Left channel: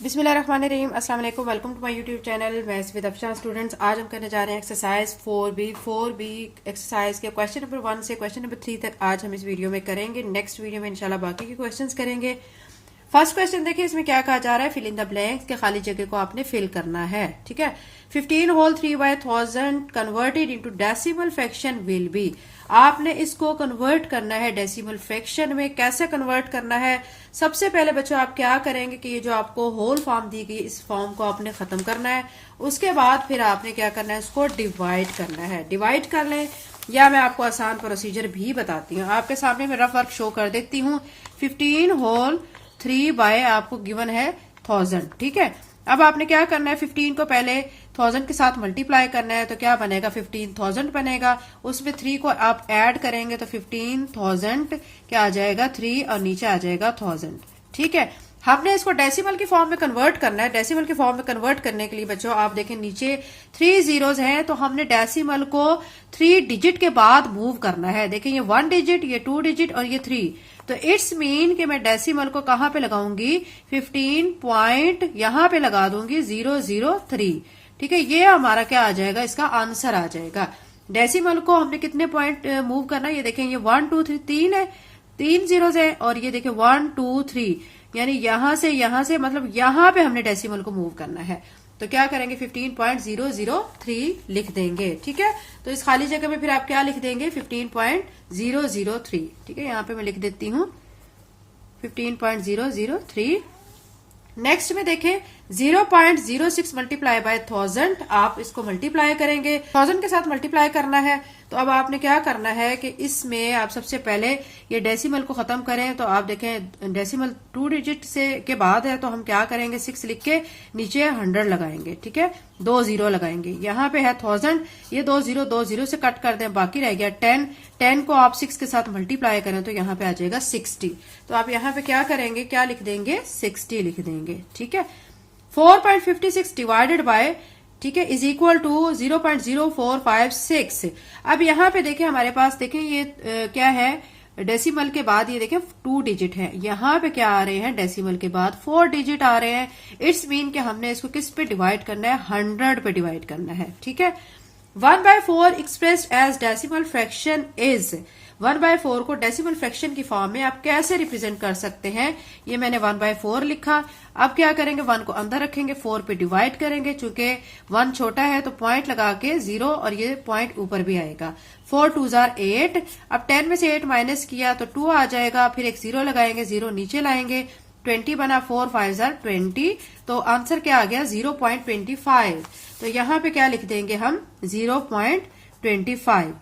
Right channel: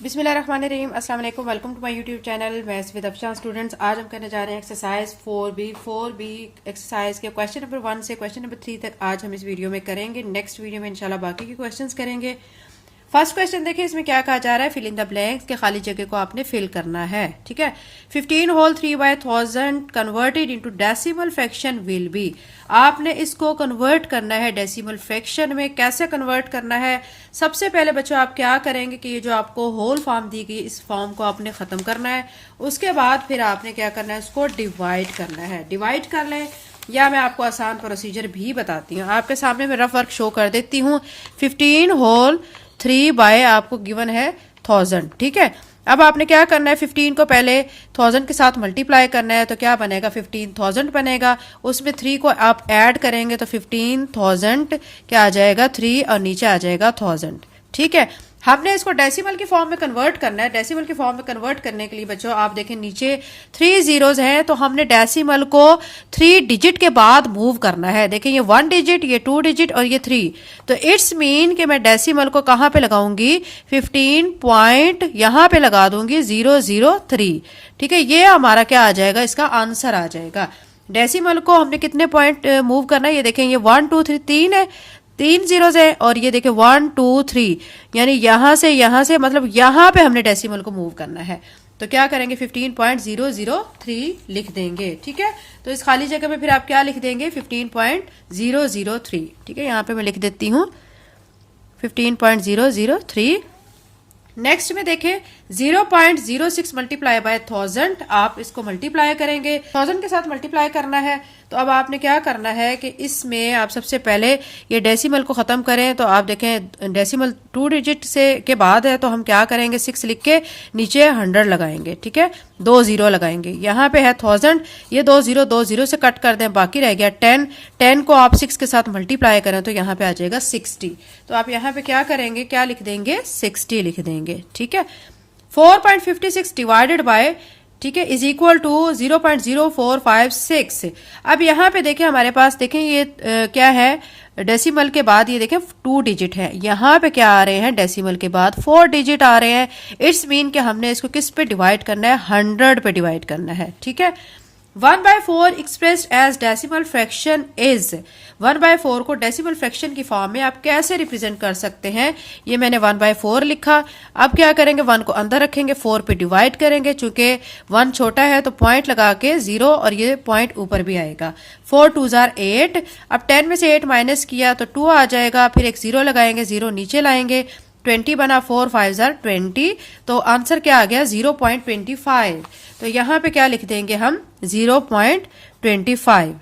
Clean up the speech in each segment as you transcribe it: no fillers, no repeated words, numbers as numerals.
बिस्मिल्लाहिर्रहमानिर्रहीम। अस्सलाम वालेकुम। Welcome to my YouTube channel maths with Afshan students. आज हम करने जा रहे हैं एक्सरसाइज 4B एक्सरसाइज के क्वेश्चन नंबर 1 से क्वेश्चन नंबर 3 तक आज हम इस वीडियो में करेंगे। नेक्स्ट वीडियो में इंशाल्लाह बाकी के क्वेश्चंस करेंगे। फर्स्ट क्वेश्चन देखिए, इसमें क्या कहा जा रहा है, फिल इन द ब्लैंक्स के खाली जगह को आपने फिल करना है। ठीक है, 15 whole 3/1000 converted into decimal fraction will be. आपने इसको कन्वर्ट करना है डेसिमल फ्रैक्शन में। कैसे कन्वर्ट करना है? सबसे पहले बच्चों आप क्या करेंगे कि ये जो आपको होल फॉर्म दी गई इस फॉर्म को आपने खत्म करना है। उसके बाद फिर आपने क्या करना है, इसको डिवाइड करना है। डिवाइड कर लें या मैं आपको आसान प्रोसीजर भी बताती हूँ। आपके सामने मैं रफ वर्क शो कर देती हूँ। 15 होल 3 बाय आपको गिवन है 1000। ठीक है, अब आपने क्या करना है, 15 को पहले 1000 के साथ मल्टीप्लाई करना है। तो क्या बनेगा, 15000 बनेगा। उसमें 3 को आप ऐड करेंगे तो 15000 क्या आ जाएगा, 3 और नीचे आ जाएगा 1000। ठीक है, हमने इसको डेसिमल के फॉर्म में कन्वर्ट करना है। डेसिमल के फॉर्म में कन्वर्ट करने के लिए बच्चों आप देखें नीचे 3 जीरोज हैं, तो हमने डेसिमल को 3 डिजिट के बाद मूव करना है। देखिए ये 1 डिजिट, ये 2 डिजिट और ये 3। तो इट्स मीन कि मैं डेसिमल को कहां पे लगाऊंगी, 15 पॉइंट यहां पे लगा दूंगी 003। ठीक है, ये हमारा क्या आ जाएगा, इसका आंसर आ जाएगा। डेसिमल को हमने कितने पॉइंट मूव करना है, ये देखें ये 1 2 3 3 है, 3 जीरोज है। और ये देखिए 1 2 3, यानी यहां से मतलब यहां पे हमने डेसिमल को मूव करना है। तो क्या करेंगे, 15.003 लिख देंगे। ठीक है, तो इस खाली जगह में फिर आप क्या लिख देंगे, 15.003। ठीक है, यहां पे मैं लिख देती हूं 15.003। नेक्स्ट में देखें 0.06 मल्टीप्लाई बाय 1000। आप इसको मल्टीप्लाई करेंगे, 1000 के साथ मल्टीप्लाई करना है। तो अब आपने क्या करना है कि इसमें आप सबसे पहले ये डेसिमल को खत्म करें। तो आप देखें डेसिमल 2 डिजिट से के बाद है, तो हम क्या करेंगे, 6 लिख के नीचे 100 लगाएंगे। ठीक है, 2 जीरो लगाएंगे। यहाँ पे है 1000, ये 2 जीरो से कट कर दें, बाकी रह गया 10। 10 को आप 6 के साथ मल्टीप्लाई करें तो यहाँ पे आ जाएगा 60। तो आप यहाँ पे क्या करेंगे, क्या लिख देंगे, 60 लिख देंगे। ठीक है, 4.56 डिवाइडेड बाय, ठीक है, इज इक्वल टू 0.0456। अब यहाँ पे देखें हमारे पास, देखें ये क्या है, डेसिमल के बाद ये देखें 2 डिजिट है। यहाँ पे क्या आ रहे हैं, डेसिमल के बाद 4 डिजिट आ रहे हैं। इट्स मीन कि हमने इसको किस पे डिवाइड करना है, 100 पे डिवाइड करना है। ठीक है, 1/4 expressed as decimal fraction is. 1/4 को डेसिमल फ्रैक्शन की फॉर्म में आप कैसे रिप्रेजेंट कर सकते हैं, ये मैंने 1/4 लिखा। अब क्या करेंगे, 1 को अंदर रखेंगे, 4 पे डिवाइड करेंगे। चूंकि 1 छोटा है तो पॉइंट लगा के 0 और ये पॉइंट ऊपर भी आएगा। 4 2 8। अब 10 में से 8 माइनस किया तो 2 आ जाएगा, फिर एक 0 लगाएंगे, 0 नीचे लाएंगे, 20 बना, 4 5 20। तो आंसर क्या आ गया, 0.25। तो यहाँ पे क्या लिख देंगे हम, 0.25।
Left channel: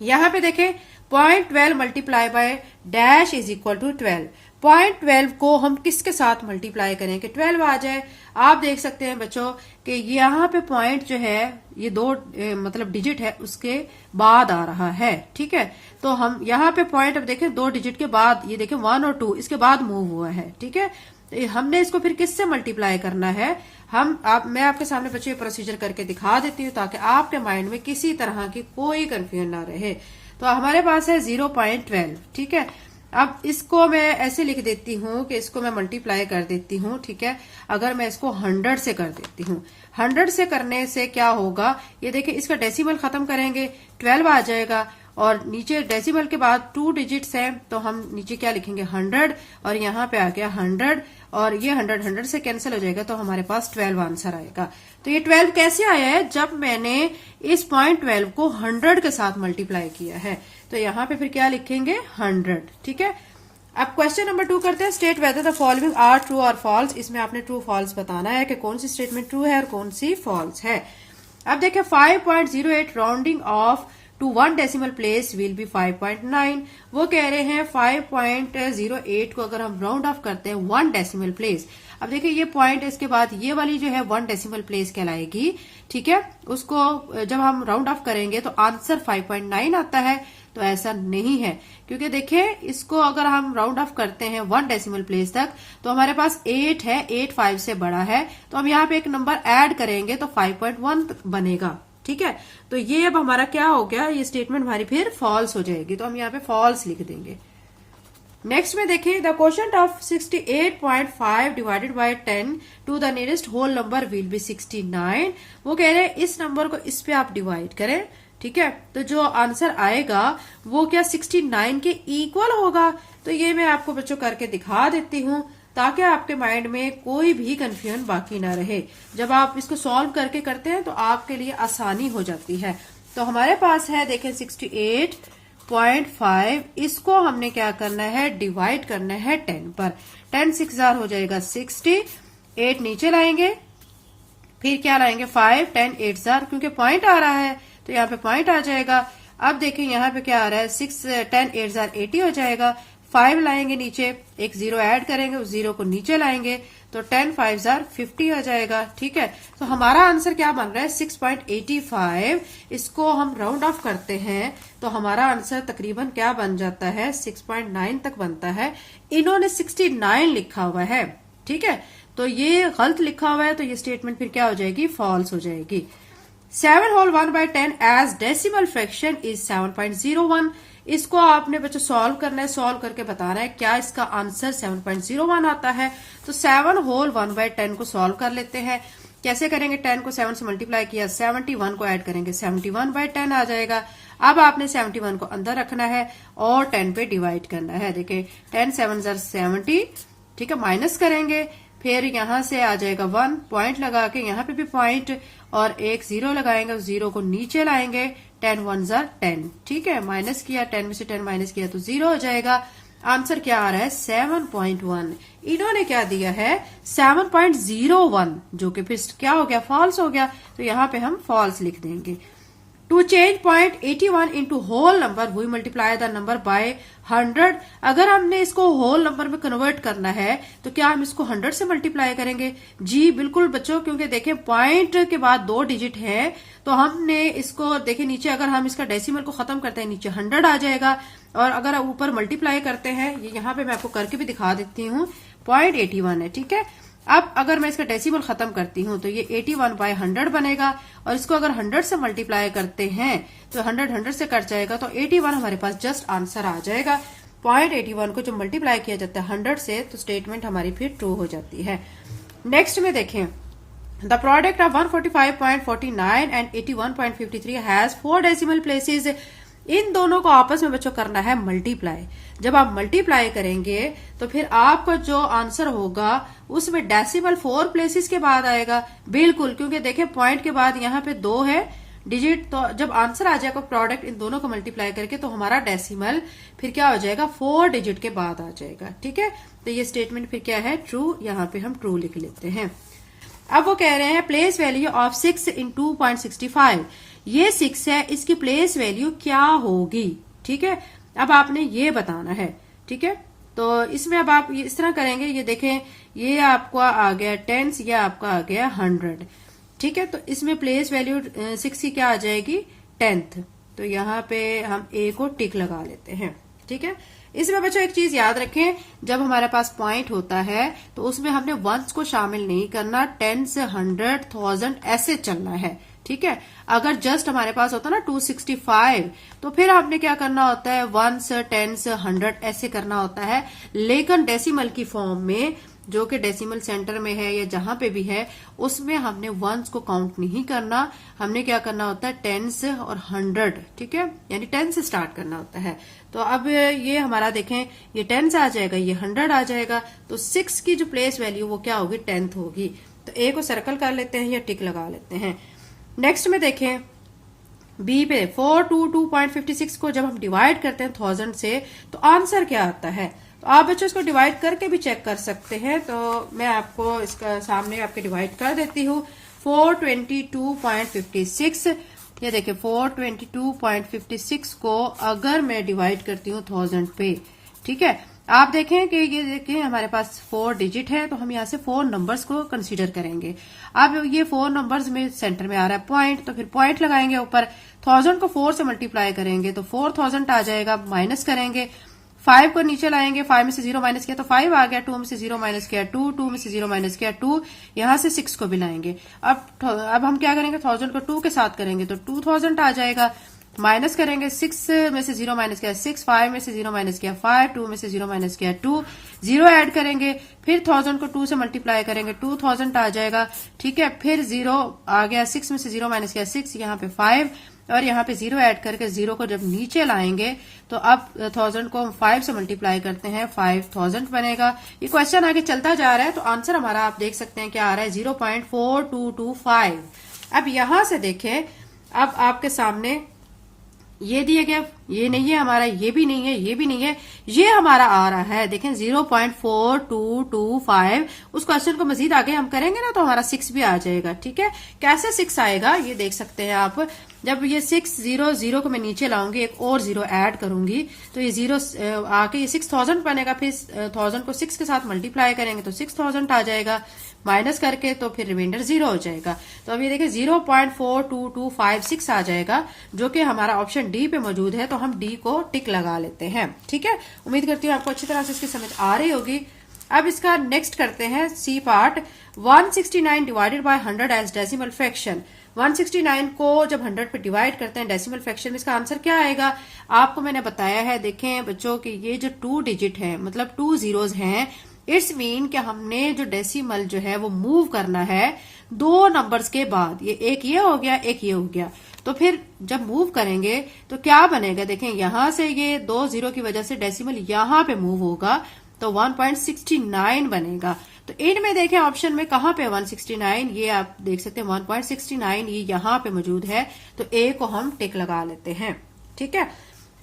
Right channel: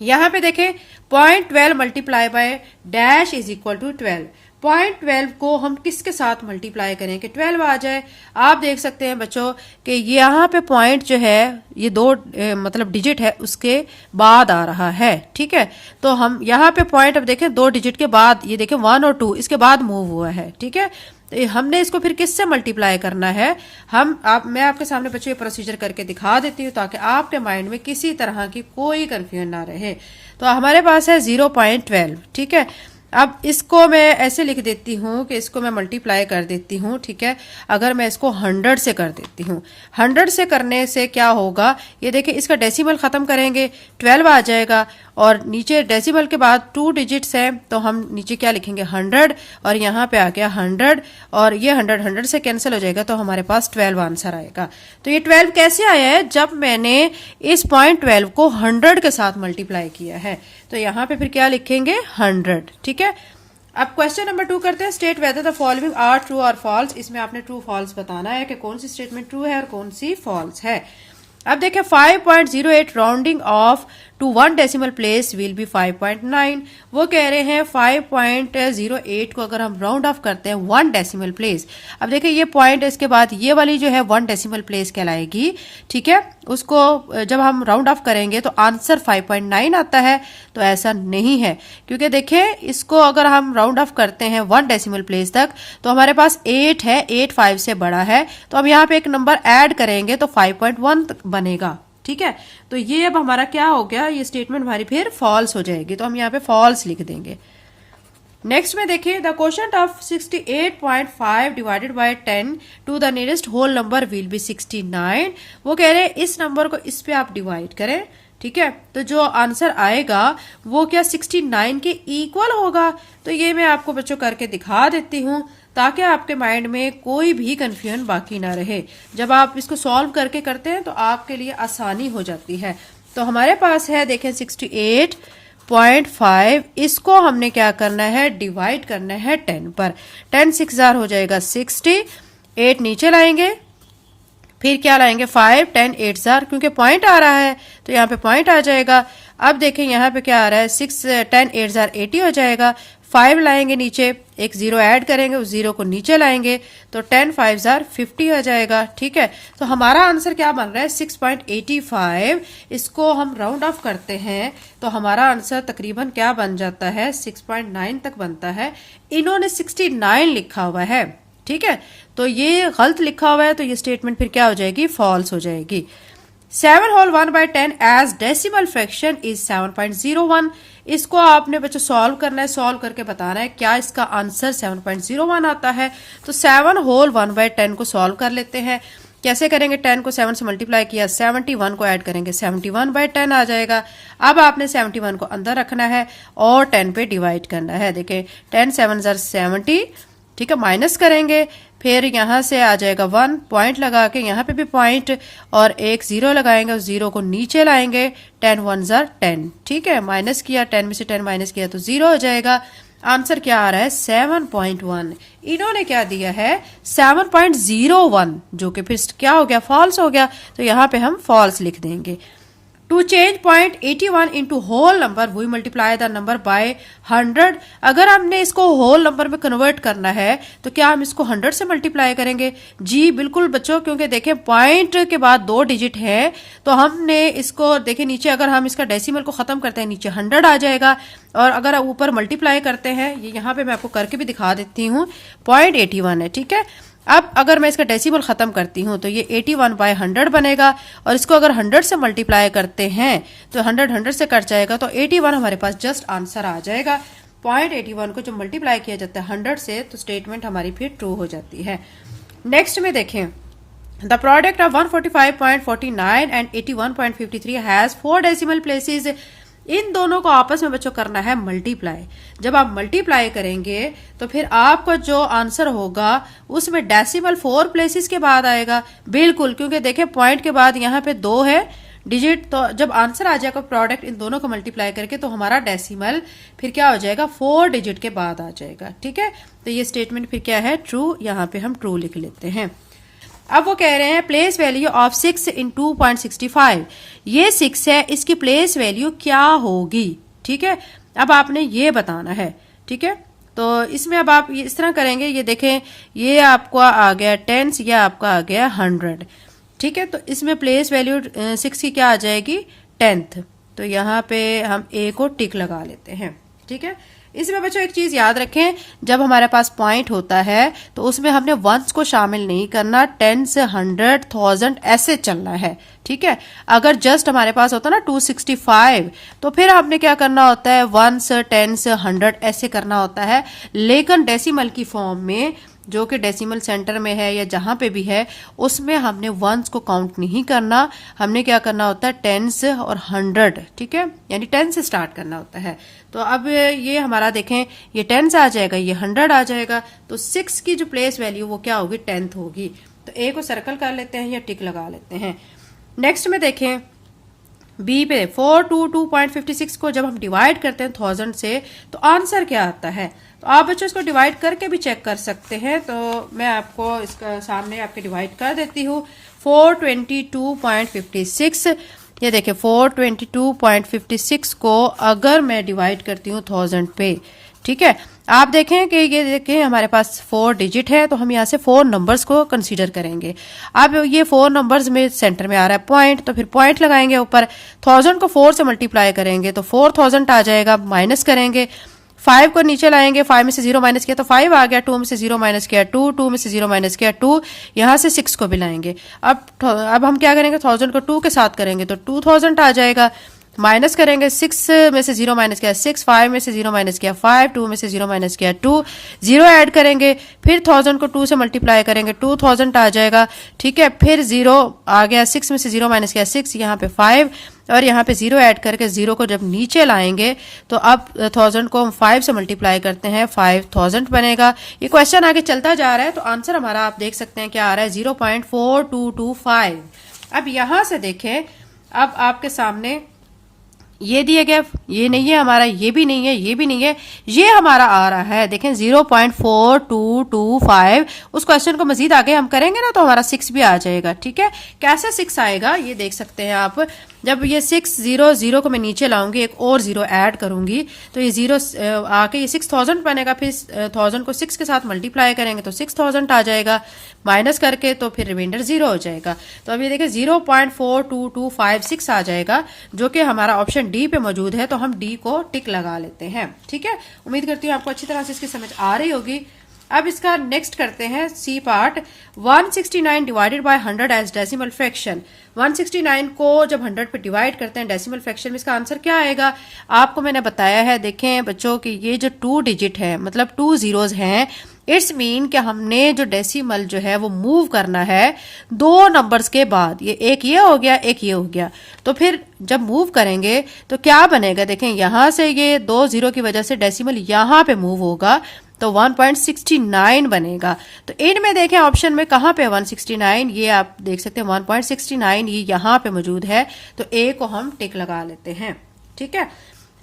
यहाँ पे देखें 0.12 multiply by dash is equal to 12। 0.12 को हम किसके साथ मल्टीप्लाई करें कि 12 आ जाए। आप देख सकते हैं बच्चों कि यहाँ पे पॉइंट जो है ये 2 मतलब डिजिट है उसके बाद आ रहा है। ठीक है, तो हम यहाँ पे पॉइंट अब देखें 2 डिजिट के बाद, ये देखें 1 और 2 इसके बाद मूव हुआ है। ठीक है, तो हमने इसको फिर किससे मल्टीप्लाई करना है, मैं आपके सामने बच्चों प्रोसीजर करके दिखा देती हूँ ताकि आपके माइंड में किसी तरह की कोई कंफ्यूजन ना रहे। तो हमारे पास है 0.12। ठीक है, अब इसको मैं ऐसे लिख देती हूँ कि इसको मैं मल्टीप्लाई कर देती हूँ। ठीक है, अगर मैं इसको 100 से कर देती हूँ, 100 से करने से क्या होगा, ये देखिए इसका डेसिमल खत्म करेंगे, 12 आ जाएगा। और नीचे डेसिमल के बाद 2 डिजिट्स हैं, तो हम नीचे क्या लिखेंगे, 100, और यहाँ पे आ गया 100, और ये 100 से कैंसिल हो जाएगा, तो हमारे पास 12 आंसर आएगा। तो ये 12 कैसे आया है, जब मैंने इस 0.12 को 100 के साथ मल्टीप्लाई किया है। तो यहाँ पे फिर क्या लिखेंगे, 100। ठीक है, अब क्वेश्चन नंबर 2 करते हैं। State whether the following are true और फॉल्स। इसमें आपने ट्रू फॉल्स बताना है कि कौन सी स्टेटमेंट ट्रू है और कौन सी फॉल्स है। अब देखिए 5.08 rounding off to 1 decimal place will be 5.9। वो कह रहे हैं 5.08 को अगर हम राउंड ऑफ करते हैं 1 डेसिमल प्लेस। अब देखिए ये पॉइंट, इसके बाद ये वाली जो है 1 डेसिमल प्लेस कहलाएगी। ठीक है, उसको जब हम राउंड ऑफ करेंगे तो आंसर 5.9 आता है। तो ऐसा नहीं है, क्योंकि देखिए इसको अगर हम राउंड ऑफ करते हैं 1 डेसिमल प्लेस तक तो हमारे पास 8 है, 8 5 से बड़ा है, तो हम यहाँ पे एक नंबर ऐड करेंगे तो 5.1 बनेगा। ठीक है, तो ये अब हमारा क्या हो गया, ये स्टेटमेंट हमारी फिर फॉल्स हो जाएगी। तो हम यहाँ पे फॉल्स लिख देंगे। नेक्स्ट में देखिए the quotient of 68.5 divided by 10 to the nearest whole number will be 69। वो कह रहे हैं इस नंबर को इस पे आप डिवाइड करें, ठीक है, तो जो आंसर आएगा वो क्या 69 के इक्वल होगा। तो ये मैं आपको बच्चों करके दिखा देती हूँ ताकि आपके माइंड में कोई भी कंफ्यूजन बाकी ना रहे। जब आप इसको सॉल्व करके करते हैं तो आपके लिए आसानी हो जाती है। तो हमारे पास है देखें 68.5, इसको हमने क्या करना है, डिवाइड करना है 10 पर। 10 6 जार हो जाएगा 60, 8 नीचे लाएंगे, फिर क्या लाएंगे 5, 10 8 जार, क्योंकि पॉइंट आ रहा है तो यहाँ पे पॉइंट आ जाएगा। अब देखें यहाँ पे क्या आ रहा है 6 10 8 जार 80 हो जाएगा। 5 लाएंगे नीचे, एक जीरो ऐड करेंगे, उस जीरो को नीचे लाएंगे तो 10 5 जार 50 हो जाएगा, ठीक है। तो हमारा आंसर क्या बन रहा है 6.85। इसको हम राउंड ऑफ करते हैं तो हमारा आंसर तकरीबन क्या बन जाता है 6.9 तक बनता है। इन्होंने 69 लिखा हुआ है, ठीक है, तो ये गलत लिखा हुआ है, तो ये स्टेटमेंट फिर क्या हो जाएगी, फॉल्स हो जाएगी। 7 whole 1 by 10 as decimal fraction is 7.01। इसको आपने बच्चों सॉल्व करना है, सॉल्व करके बताना है क्या इसका आंसर 7.01 आता है। तो 7 होल 1 by 10 को सॉल्व कर लेते हैं। कैसे करेंगे, 10 को 7 से मल्टीप्लाई किया, 71 को ऐड करेंगे, 71 by 10 आ जाएगा। अब आपने 71 को अंदर रखना है और 10 पे डिवाइड करना है। देखिए 10 7 जार 70, ठीक है, माइनस करेंगे, फिर यहाँ से आ जाएगा 1, पॉइंट लगा के यहाँ पे भी पॉइंट और एक जीरो लगाएंगे, उस जीरो को नीचे लाएंगे, 10 1 जार 10, ठीक है, माइनस किया, 10 में से 10 माइनस किया तो जीरो हो जाएगा। आंसर क्या आ रहा है 7.1। इन्होंने क्या दिया है 7.01, जो कि फिर क्या हो गया, फॉल्स हो गया, तो यहाँ पे हम फॉल्स लिख देंगे। To change 0.81 into whole number we multiply the number by 100। अगर हमने इसको होल नंबर में कन्वर्ट करना है तो क्या हम इसको 100 से मल्टीप्लाई करेंगे? जी बिल्कुल बच्चों, क्योंकि देखें पॉइंट के बाद 2 डिजिट है, तो हमने इसको देखें नीचे अगर हम इसका डेसिमल को खत्म करते हैं नीचे 100 आ जाएगा, और अगर ऊपर मल्टीप्लाई करते हैं, ये यहाँ पे मैं आपको करके भी दिखा देती हूँ, 0.81 है, ठीक है। अब अगर मैं इसका डेसिमल खत्म करती हूं तो ये 81 बाय 100 बनेगा, और इसको अगर 100 से मल्टीप्लाई करते हैं तो 100 से कट जाएगा, तो 81 हमारे पास जस्ट आंसर आ जाएगा। 0.81 को जब मल्टीप्लाई किया जाता है 100 से तो स्टेटमेंट हमारी फिर ट्रू हो जाती है। नेक्स्ट में देखें, the product of 145.49 and 81.53 has 4 decimal places. इन दोनों को आपस में बच्चों करना है मल्टीप्लाई। जब आप मल्टीप्लाई करेंगे तो फिर आपका जो आंसर होगा उसमें डेसिमल 4 प्लेसेस के बाद आएगा, बिल्कुल, क्योंकि देखें पॉइंट के बाद यहाँ पे 2 है डिजिट, तो जब आंसर आ जाएगा प्रोडक्ट इन दोनों को मल्टीप्लाई करके तो हमारा डेसिमल फिर क्या हो जाएगा 4 डिजिट के बाद आ जाएगा, ठीक है। तो ये स्टेटमेंट फिर क्या है, ट्रू, यहाँ पे हम ट्रू लिख लेते हैं। अब वो कह रहे हैं प्लेस वैल्यू ऑफ 6 इन 2.65। ये 6 है, इसकी प्लेस वैल्यू क्या होगी, ठीक है, अब आपने ये बताना है, ठीक है। तो इसमें अब आप इस तरह करेंगे, ये देखें ये आपका आ गया 10, ये आपका आ गया 100, ठीक है। तो इसमें प्लेस वैल्यू 6 की क्या आ जाएगी 10th, तो यहाँ पे हम ए को टिक लगा लेते हैं, ठीक है। इसमें बच्चों एक चीज याद रखें, जब हमारे पास पॉइंट होता है तो उसमें हमने वंस को शामिल नहीं करना, 10 से 100 1000 ऐसे चलना है, ठीक है। अगर जस्ट हमारे पास होता ना 265 तो फिर हमने क्या करना होता है 1 10 से 100 ऐसे करना होता है, लेकिन डेसिमल की फॉर्म में जो कि डेसिमल सेंटर में है या जहां पे भी है उसमें हमने वंस को काउंट नहीं करना, हमने क्या करना होता है 10 और 100, ठीक है, यानी 10 से स्टार्ट करना होता है। तो अब ये हमारा देखें ये 10 से आ जाएगा, ये 100 आ जाएगा, तो 6 की जो प्लेस वैल्यू वो क्या होगी 10th होगी। तो ए को सर्कल कर लेते हैं या टिक लगा लेते हैं। नेक्स्ट में देखें बी पे 422.56 को जब हम डिवाइड करते हैं 1000 से तो आंसर क्या आता है। तो आप बच्चों इसको डिवाइड करके भी चेक कर सकते हैं, तो मैं आपको इसका सामने आपके डिवाइड कर देती हूँ। 422.56, ये देखिए 422.56 को अगर मैं डिवाइड करती हूँ 1000 पे, ठीक है, आप देखें कि ये देखें हमारे पास 4 डिजिट है, तो हम यहाँ से 4 नंबर्स को कंसीडर करेंगे। अब ये 4 नंबर्स में सेंटर में आ रहा है पॉइंट, तो फिर पॉइंट लगाएंगे ऊपर, 1000 को 4 से मल्टीप्लाई करेंगे तो 4000 आ जाएगा, माइनस करेंगे, 5 को नीचे लाएंगे, 5 में से 0 माइनस किया तो 5 आ गया, 2 में से 0 माइनस किया 2, 2 में से 0 माइनस किया 2, यहाँ से 6 को भी लाएंगे। अब हम क्या करेंगे 1000 को 2 के साथ करेंगे तो 2000 आ जाएगा, माइनस करेंगे, 6 में से 0 माइनस किया 6, 5 में से 0 माइनस किया 5, 2 में से 0 माइनस किया 2, 0 ऐड करेंगे, फिर 1000 को 2 से मल्टीप्लाई करेंगे 2000 आ जाएगा। ठीक है, फिर 0 आ गया, 6 में से 0 माइनस किया 6, यहाँ पे 5 और यहाँ पे 0 ऐड करके 0 को जब नीचे लाएंगे तो अब 1000 को हम 5 से मल्टीप्लाई करते हैं 5000 बनेगा। ये क्वेश्चन आगे चलता जा रहा है तो आंसर हमारा आप देख सकते हैं क्या आ रहा है 0.4225। अब यहां से देखें, अब आपके सामने ये दिया गया, ये नहीं है हमारा, ये भी नहीं है, ये भी नहीं है, ये हमारा आ रहा है देखें 0.4225। उस क्वेश्चन को मजीद आगे हम करेंगे ना तो हमारा 6 भी आ जाएगा। ठीक है, कैसे 6 आएगा ये देख सकते हैं आप। जब ये 600 को मैं नीचे लाऊंगी, एक और 0 ऐड करूंगी तो ये 0 आके ये 6000 बनेगा, फिर 1000 को 6 के साथ मल्टीप्लाई करेंगे तो 6000 आ जाएगा, माइनस करके तो फिर रिमाइंडर 0 हो जाएगा। तो अब ये देखिए 0.42256 आ जाएगा, जो कि हमारा ऑप्शन डी पे मौजूद है, तो हम डी को टिक लगा लेते हैं। ठीक है, उम्मीद करती हूँ आपको अच्छी तरह से इसकी समझ आ रही होगी। अब इसका नेक्स्ट करते हैं c part. 169 divided by 100 as decimal fraction. 169 को जब 100 पे डिवाइड करते हैं डेसिमल फ्रैक्शन में, इसका आंसर क्या आएगा आपको मैंने बताया है। देखें बच्चों कि ये जो 2 डिजिट है, मतलब 2 जीरोस हैं, इट्स मीन कि हमने जो डेसिमल जो है वो मूव करना है 2 नंबर्स के बाद। ये एक ये हो गया, एक ये हो गया, तो फिर जब मूव करेंगे तो क्या बनेगा, देखें यहां से ये 2 जीरो की वजह से डेसिमल यहां पे मूव होगा तो 1.69 बनेगा। तो इनमें देखें ऑप्शन में कहां पे 169, ये आप देख सकते हैं 1.69 ये यहां पे मौजूद है, तो ए को हम टिक लगा लेते हैं। ठीक है,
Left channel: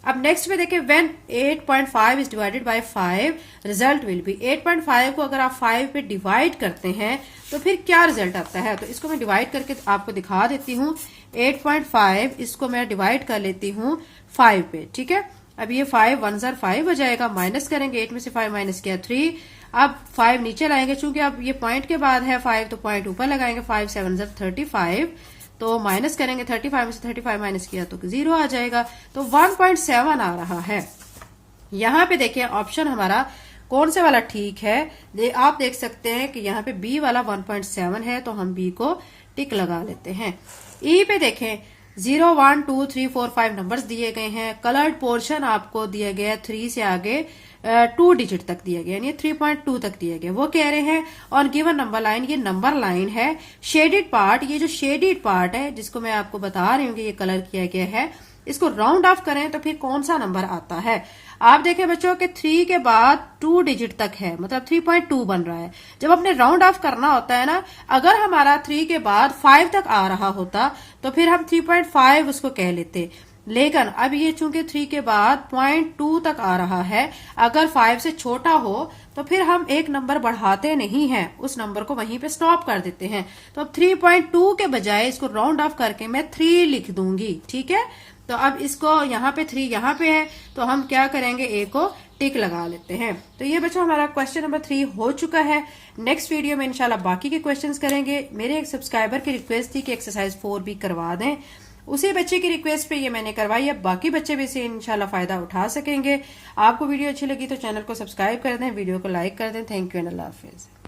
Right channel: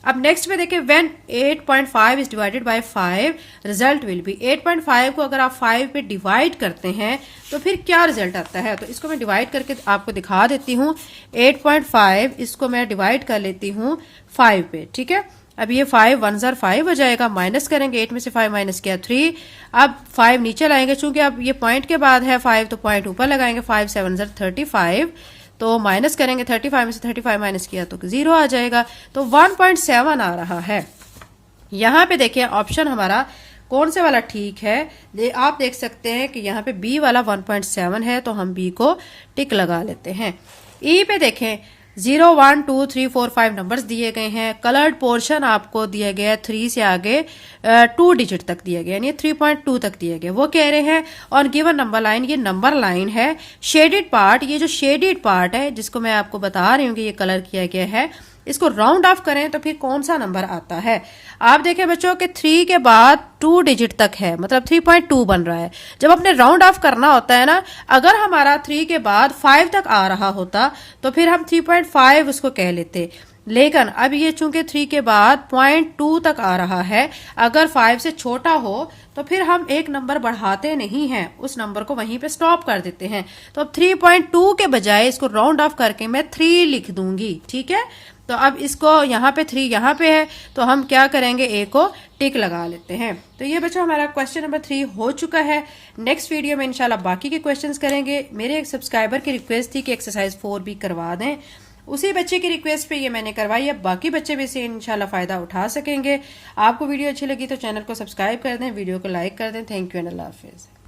अब नेक्स्ट में देखें when 8.5 is divided by 5 result will be. 8.5 को अगर आप 5 पे डिवाइड करते हैं तो फिर क्या रिजल्ट आता है, तो इसको मैं डिवाइड करके आपको दिखा देती हूँ। 8.5 इसको मैं डिवाइड कर लेती हूँ 5 पे। ठीक है, अब ये 5 1 जार 5 हो जाएगा, माइनस करेंगे, 8 में से 5 माइनस किया 3, अब 5 नीचे लाएंगे, चूंकि अब ये पॉइंट के बाद है 5 तो पॉइंट ऊपर लगाएंगे, 5 7 जार 35, तो माइनस करेंगे, 35 में से 35 माइनस किया तो 0 आ जाएगा, तो 1.7 आ रहा है। यहाँ पे देखिए ऑप्शन हमारा कौन से वाला ठीक है, आप देख सकते हैं कि यहाँ पे बी वाला 1.7 है, तो हम बी को टिक लगा लेते हैं। ई पे देखें 0 1 2 3 4 5 नंबर्स दिए गए हैं, कलर्ड पोर्शन आपको दिया गया है 3 से आगे 2 डिजिट तक दिया गया, यानी 3.2 तक दिए गए, वो कह रहे हैं। और गिवन नंबर लाइन, ये नंबर लाइन है। शेडेड पार्ट, ये जो शेडेड पार्ट है जिसको मैं आपको बता रही हूँ कि ये कलर किया गया है, इसको राउंड ऑफ करें तो फिर कौन सा नंबर आता है। आप देखें बच्चों कि 3 के बाद 2 डिजिट तक है, मतलब 3.2 बन रहा है। जब अपने राउंड ऑफ करना होता है ना, अगर हमारा 3 के बाद 5 तक आ रहा होता तो फिर हम 3.5 उसको कह लेते, लेकिन अब ये चूंकि 3 के बाद 0.2 तक आ रहा है, अगर 5 से छोटा हो तो फिर हम एक नंबर बढ़ाते नहीं हैं, उस नंबर को वहीं पे स्टॉप कर देते हैं। तो अब 3.2 के बजाय इसको राउंड ऑफ करके मैं 3 लिख दूंगी। ठीक है, तो अब इसको यहाँ पे 3 यहाँ पे है, तो हम क्या करेंगे, ए को टिक लगा लेते हैं। तो ये बच्चों हमारा क्वेश्चन नंबर 3 हो चुका है। नेक्स्ट वीडियो में इंशाल्लाह बाकी के क्वेश्चंस करेंगे। मेरे एक सब्सक्राइबर की रिक्वेस्ट थी कि एक्सरसाइज 4 भी करवा दें, उसी बच्चे की रिक्वेस्ट पे ये मैंने करवाई है। बाकी बच्चे भी इसे इंशाल्लाह फायदा उठा सकेंगे। आपको वीडियो अच्छी लगी तो चैनल को सब्सक्राइब कर दें, वीडियो को लाइक कर दें। Thank you and Allah Hafiz.